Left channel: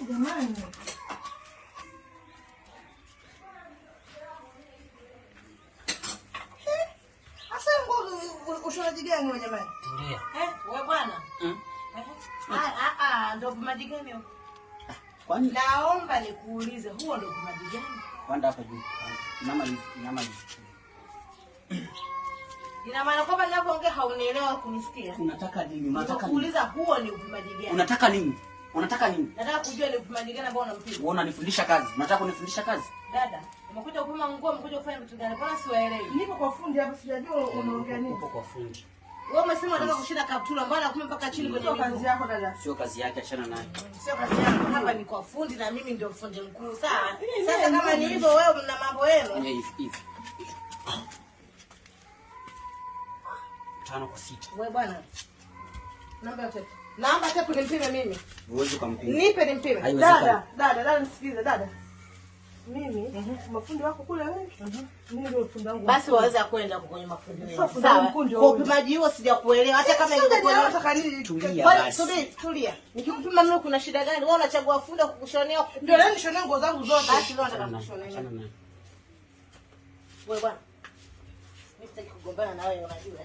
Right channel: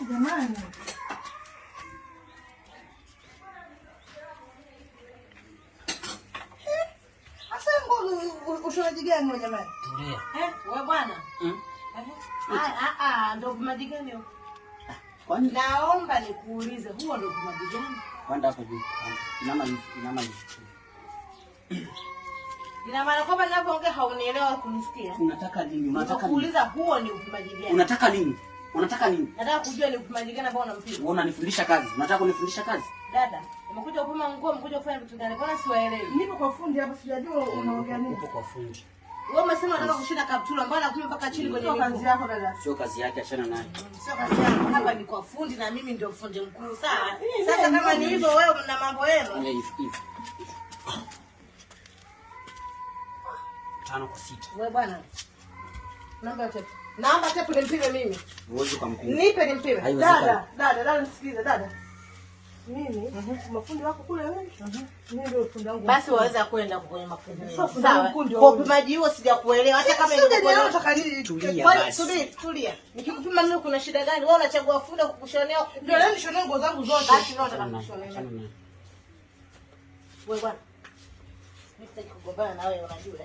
Jamani. Asa ngo ushonaji gani wewe jamani? Ndio. Wewe bwana. Ndio upimaji gani huo? Kwani naomba nikuulize huo ndio upimaji gani? Kwenda hapo juu. Inama. Ina maana kwamba ninapoongea haunielewa kunisikia. Unataka nini? Unataka kuuliza huo ni upimaji gani? Unataka nini? Unataka nini? Nataka kujua ni upimaji gani ambao unampima. Wewe unanifundisha kazi. Unataka kunifundisha kazi? Dada, umekuja kupima nguo, umekuja kufanya vitu gani? Mbona siwaelewi? Nipo kwa fundi hapa sijajua unaongea nini. Upo kwa fundi. Wewe umesema unataka kushinda kaptula, mbona kupima mpaka chini kwenye miguu? Kazi yako dada. Sio kazi yake, achana naye. Sio kazi yako, hapa ni kwa fundi na mimi ndio fundi mkuu, sawa? Sasa kama ni hivyo wewe mna mambo yenu. Hivi. 5 kwa 6. Wewe bwana. Naomba tapu nimpime mimi. Uwezo kumpima. Nipe nimpime. Dada nisikilize dada. Mimi mafundi wako kule wewe. Mimi ndio fundi wangu. Basi waweza kwenda kwenye mafundi. Sawa. Kwa upimaji huo sijakuelewa hata kama nilikuwa nataka tulia basi. Tulia. Nikikupima mimi kuna shida gani? Wewe unachagua fundi kukushonea. Ndio leo nishonee nguo zangu zote. Basi leo nataka kukushonea. Wewe bwana. Nitaki kugombana na wewe unajua.